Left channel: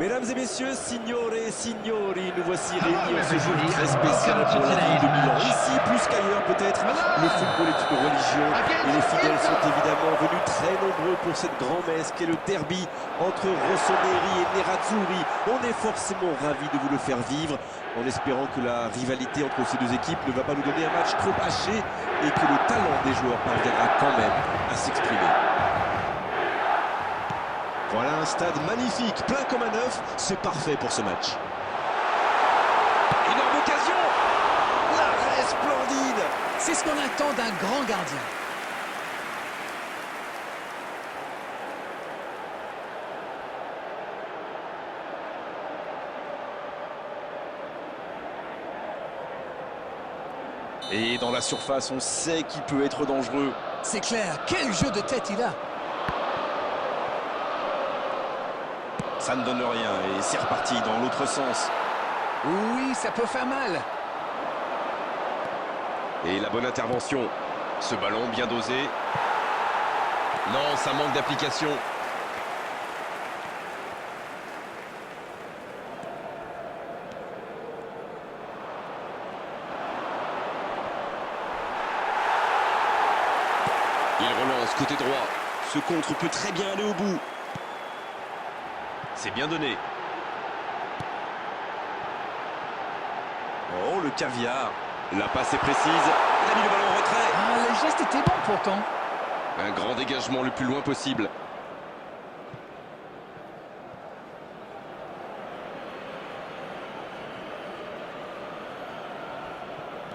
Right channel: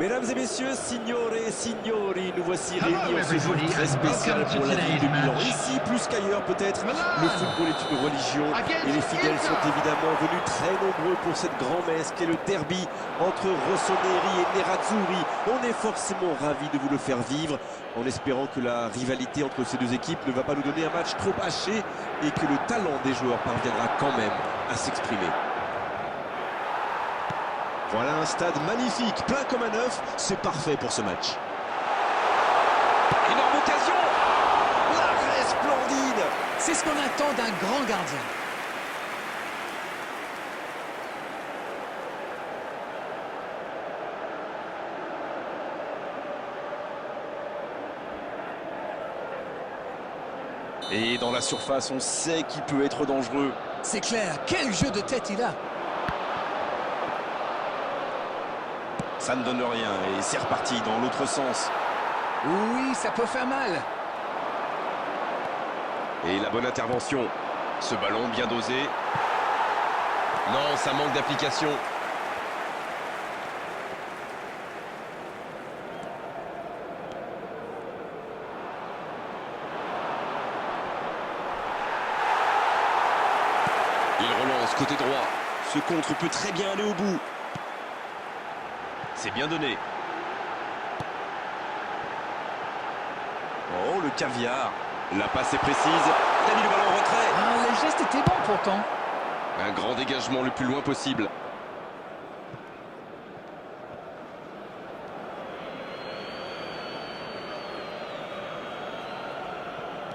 Mesdames et messieurs, signore et signori, nous voici réunis en ce jour très spécial pour la ville de Milan. Ici, plus qu'ailleurs peut-être, le football est une religion et les fidèles sont évidemment venus très nombreux pour cette grand-messe qu'est le derby entre Rossoneri et Nerazzurri. On est forcément ravis de vous le faire vivre en espérant que la rivalité entre ces deux équipes ne va pas nous donner un match trop haché et que le talent des joueurs parviendra quand même à s'exprimer. Voilà un stade magnifique, plein comme un œuf, c'est parfait pour ce match. Énorme occasion! L'arrêt splendide! C'est ce qu'on attend d'un grand gardien. Et dans la surface, on sait qu'il peut être dangereux. C'est clair, quel jeu de tête il a! Ça ne donne rien et c'est reparti dans l'autre sens. Oui, ça peut faire mal. Et la bonne intervention. Ce ballon bien dosé. Non, ça manque d'application. Il relance côté droit. Ce contre peut très bien aller au bout. C'est bien donné. Oh, le caviar. La passe est précise. Il a mis le ballon en retrait. Ah, le geste était bon pourtant. Un grand dégagement le plus loin possible.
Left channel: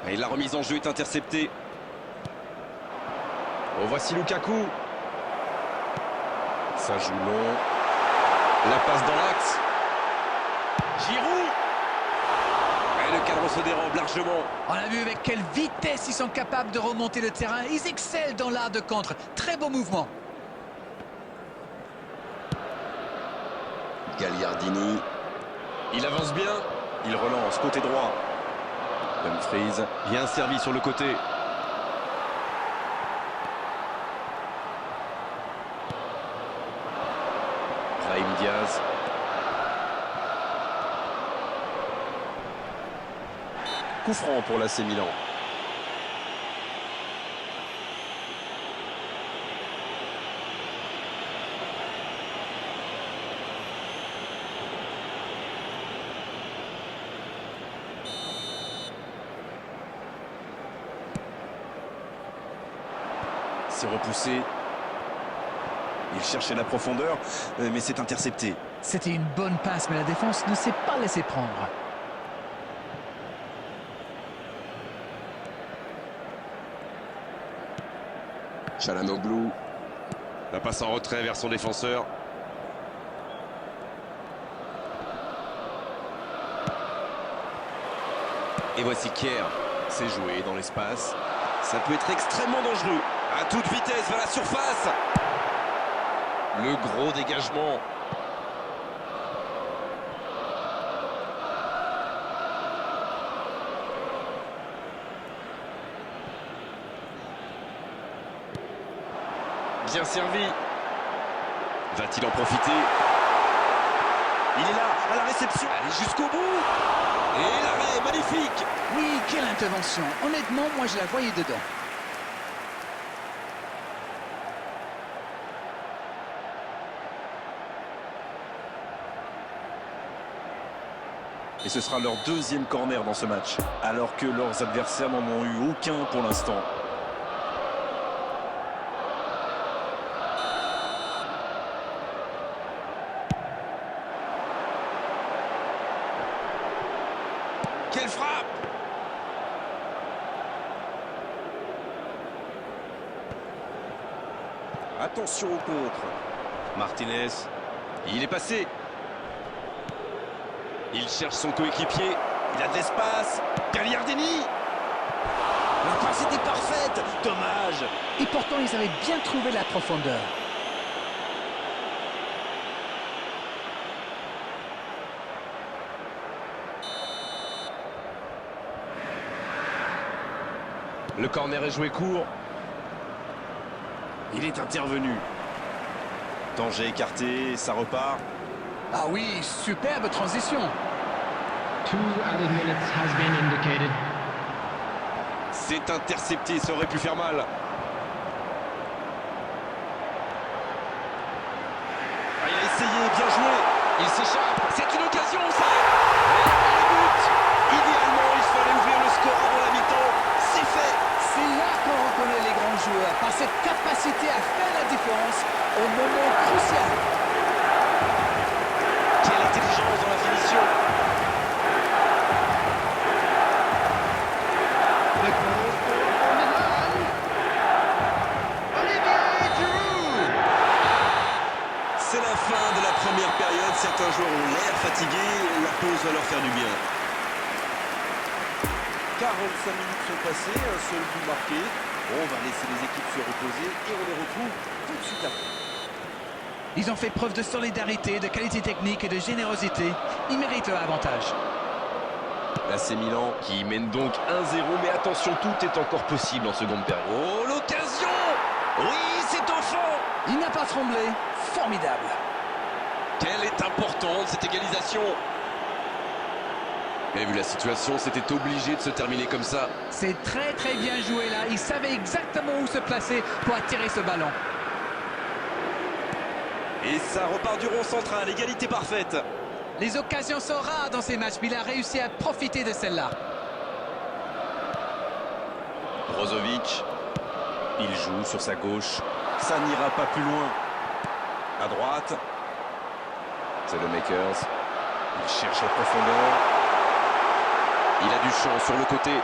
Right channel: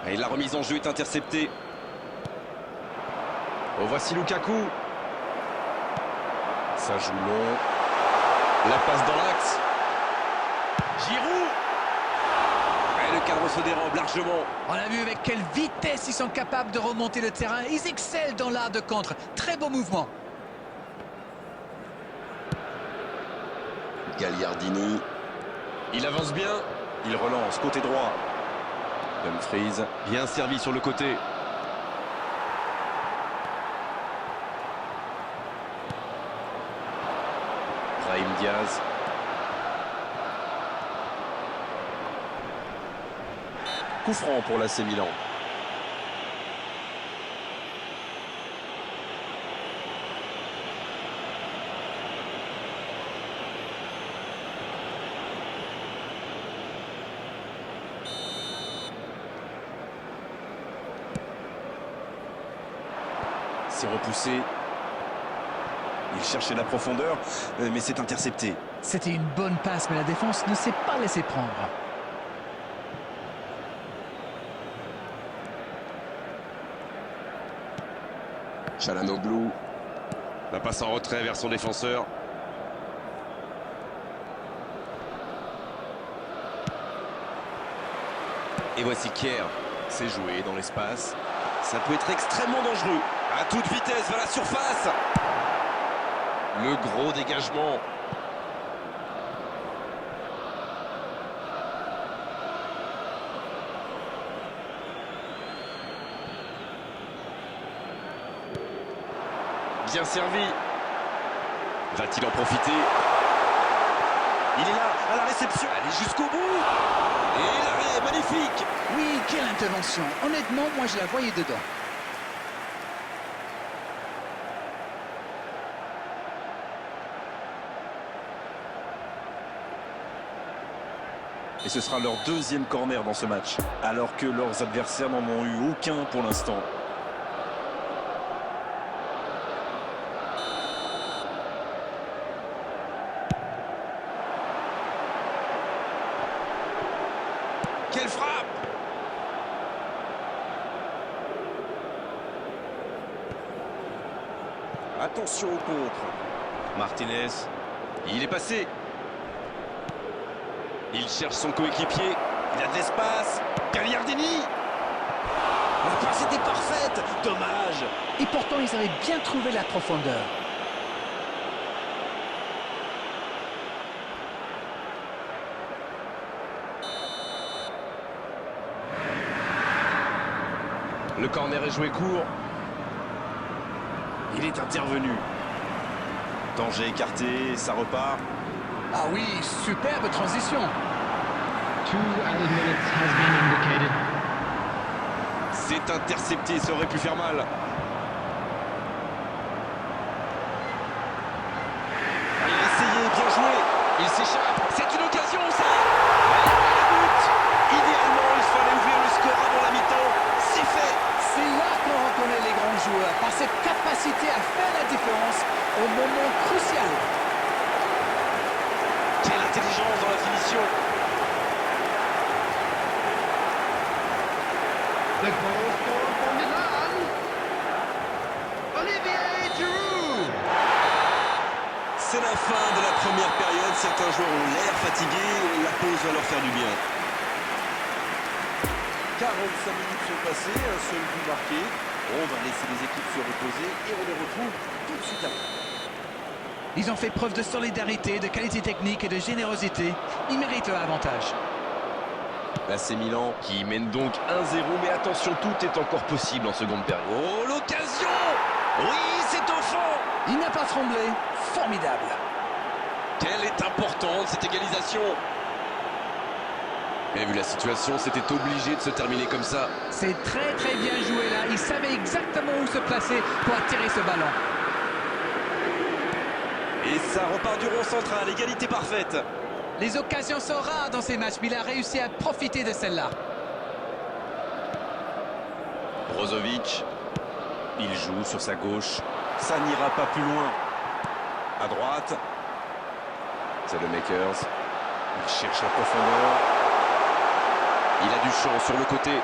Et la remise en jeu est interceptée. Oh, voici Lukaku. Ça joue long. La passe dans l'axe. Giroud. Et le cadre se dérobe largement. On a vu avec quelle vitesse ils sont capables de remonter le terrain. Ils excellent dans l'art de contre. Très beau mouvement. Gagliardini. Il avance bien. Il relance côté droit. Dumfries. Bien servi sur le côté. Brahim Diaz. Coup franc pour l'AC Milan. C'est repoussé. Il cherchait la profondeur, mais c'est intercepté. C'était une bonne passe, mais la défense ne s'est pas laissée prendre. Çalhanoğlu. La passe en retrait vers son défenseur. Et voici Kier. C'est joué dans l'espace. Ça peut être extrêmement dangereux. À toute vitesse vers la surface. Le gros dégagement. Bien servi. Va-t-il en profiter? Il est là, à la réception. Allez jusqu'au bout. Et l'arrêt, magnifique. Oui, quelle intervention. Honnêtement, moi je la voyais dedans. Et ce sera leur deuxième corner dans ce match, alors que leurs adversaires n'en ont eu aucun pour l'instant. Quelle frappe! Attention au contre. Martinez, il est passé. Il cherche son coéquipier. Il a de l'espace. Gagliardini. La passe était parfaite. Dommage. Et pourtant, ils avaient bien trouvé la profondeur. Le corner est joué court. Il est intervenu. Danger écarté, ça repart. Ah oui, superbe transition. 2 added minutes has been indicated. C'est intercepté, ça aurait pu faire mal. Ah, il a essayé, bien joué. Il s'échappe, c'est une occasion ça. Et le but. Idéalement, il fallait ouvrir le score avant la mi-temps. C'est fait. C'est là qu'on reconnaît les grands joueurs, par cette capacité à faire la différence au moment crucial. Quelle intelligence dans la finition. The goal scorer for Milan, Olivier Giroud. C'est la fin de la première période. Certains joueurs ont l'air fatigués. La pause va leur faire du bien. 45 minutes sont passées, un seul but marqué. On va laisser les équipes se reposer et on les retrouve tout de suite après. Ils ont fait preuve de solidarité, de qualité technique et de générosité. Ils méritent leur avantage. Là, c'est Milan qui mène donc 1-0. Mais attention, tout est encore possible en seconde période. Oh, l'occasion. Oui, c'est au fond. Il n'a pas tremblé. Formidable. Quelle est importante cette égalisation. Et vu la situation, c'était obligé de se terminer comme ça. C'est très très bien joué là. Il savait exactement où se placer pour attirer ce ballon. Et ça repart du rond central, égalité parfaite. Les occasions sont rares dans ces matchs, mais il a réussi à profiter de celle-là. Brozovic, il joue sur sa gauche. Ça n'ira pas plus loin. À droite. C'est le Makers. Il cherche la profondeur. Il a du champ sur le côté.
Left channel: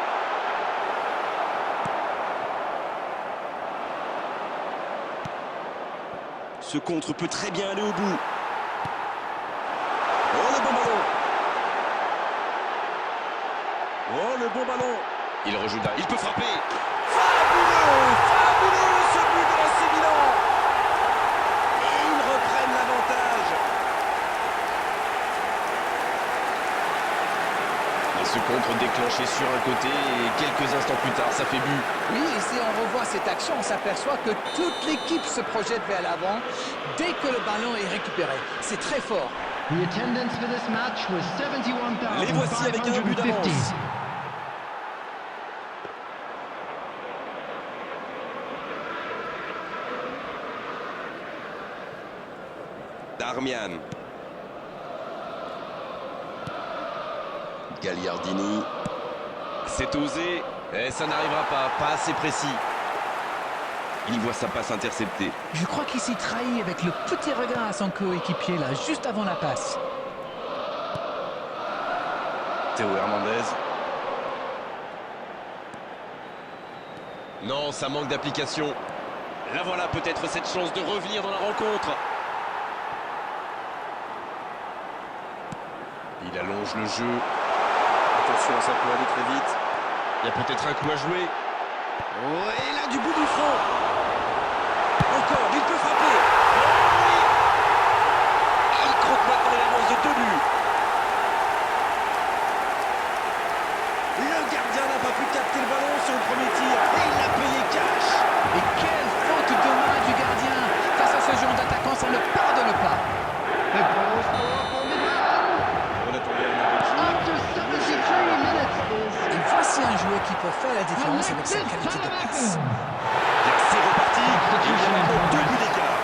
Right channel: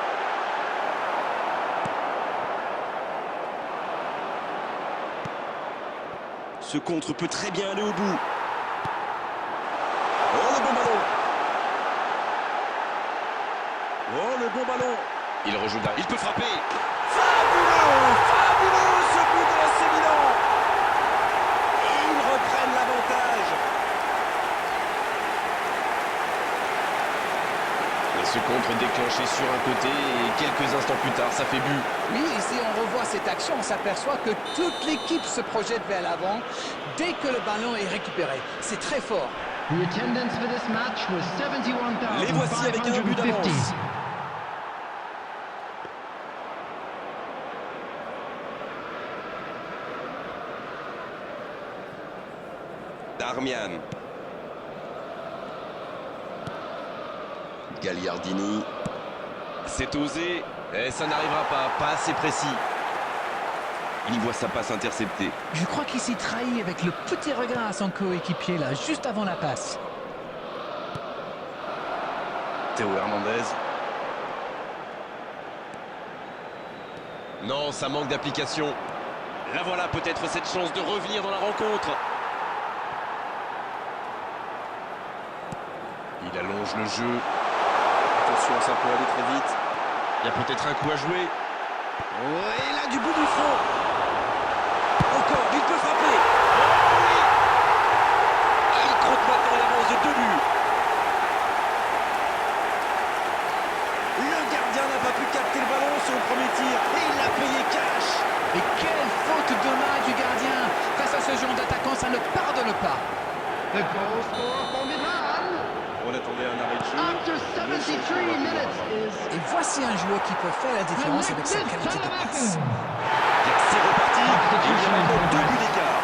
Ce contre peut très bien aller au bout. Oh, le bon ballon. Oh, le bon ballon. Il rejoue derrière. Il peut frapper. Fabuleux, fabuleux ce but de l'AC Milan. Et ils reprennent l'avantage. Et ce contre déclenché sur un côté et quelques instants plus tard, ça fait but. Oui, et si on revoit cette action, on s'aperçoit que toute l'équipe se projette vers l'avant dès que le ballon est récupéré. C'est très fort. The attendance for this match was Les voici avec un but 71,550. d'avance. Darmian. Gagliardini. C'est osé. Et ça n'arrivera pas. Pas assez précis. Il voit sa passe interceptée. Je crois qu'il s'y trahit avec le petit regard à son coéquipier là, juste avant la passe. Théo Hernandez. Non, ça manque d'application. Là voilà peut-être cette chance de revenir dans la rencontre. Il allonge le jeu. Attention, ça peut aller très vite. Il y a peut-être un coup à jouer. Oh, et là, du bout du front. Encore, il peut frapper. Oh oui! Il compte maintenant une avance de 2 buts. Le gardien n'a pas pu capter le ballon sur le premier tir. Et il l'a payé cash. Et quelle faute de main du gardien. Face à ce genre d'attaquant, ça ne pardonne pas. The goal scorer for Milan, On attendait un arrêt de jeu. after 73 minutes, Et is voici un joueur qui peut faire la différence avec sa Alexis qualité de passe. Salamacou. Bien, c'est reparti. Et il y a maintenant 2 buts d'écart.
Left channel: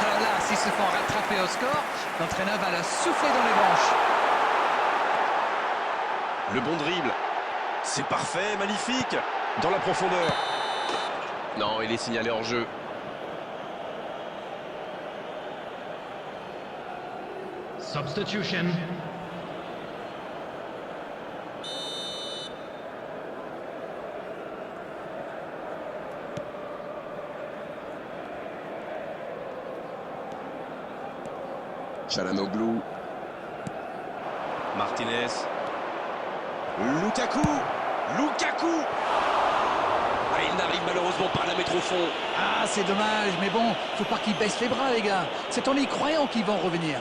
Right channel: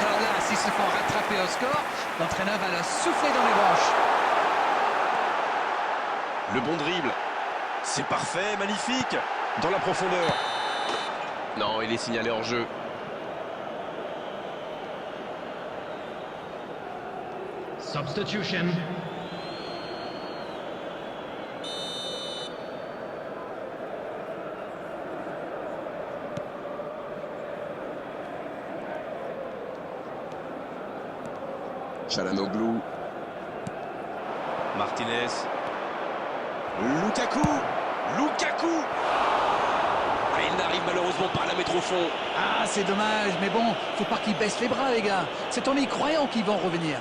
Alors là, s'ils se font rattraper au score, l'entraîneur va leur souffler dans les branches. Le bon dribble. C'est parfait, magnifique. Dans la profondeur. Non, il est signalé hors jeu. Substitution. Çalhanoğlu. Martinez. Lukaku. Lukaku. Ah, il n'arrive malheureusement pas à la mettre au fond. Ah, c'est dommage, mais bon, faut pas qu'ils baissent les bras, les gars. C'est en y croyant qu'ils vont revenir.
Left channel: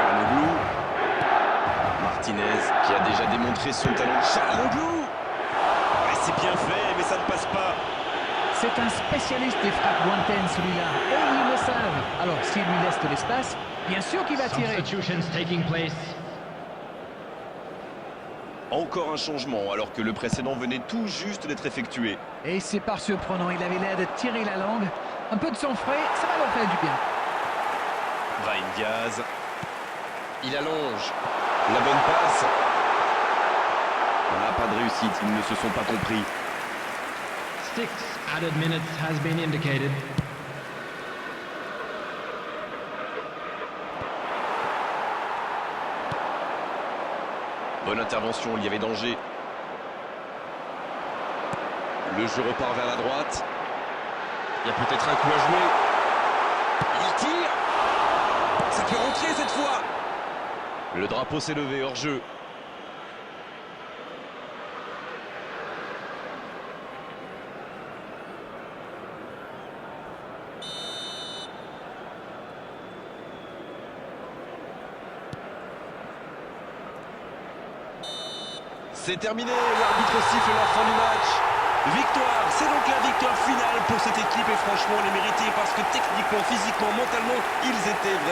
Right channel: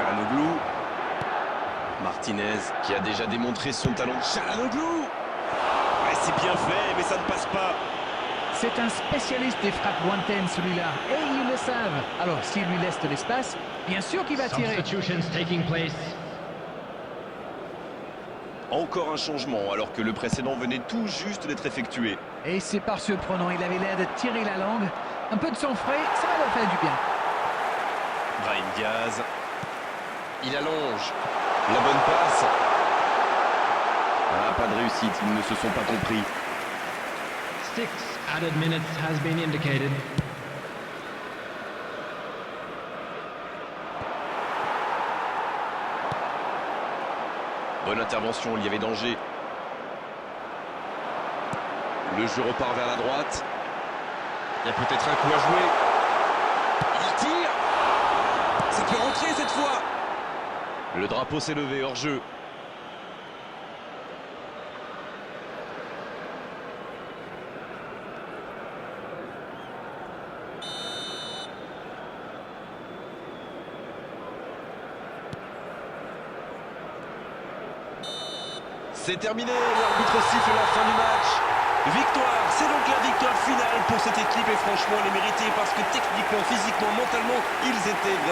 Çalhanoğlu. Martinez qui a déjà démontré son talent. Çalhanoğlu. Ouais, c'est bien fait, mais ça ne passe pas. C'est un spécialiste des frappes lointaines, celui-là. Et ils le savent. Alors, s'il lui laisse de l'espace, bien sûr qu'il va tirer. Substitutions taking place. Encore un changement alors que le précédent venait tout juste d'être effectué. Et c'est pas surprenant, il avait l'air de tirer la langue. Un peu de sang frais, ça va leur faire du bien. Brahim Diaz. Il allonge. La bonne passe. Ah, pas de réussite, ils ne se sont pas compris. 6 added minutes has been indicated. Bonne intervention, il y avait danger. Le jeu repart vers la droite. Il y a peut-être un coup à jouer. Il tire. Ça peut rentrer cette fois. Le drapeau s'est levé hors jeu. C'est terminé, l'arbitre siffle la fin du match. Victoire, c'est donc la victoire finale pour cette équipe et franchement elle est méritée parce que techniquement, physiquement, mentalement, ils étaient vraiment...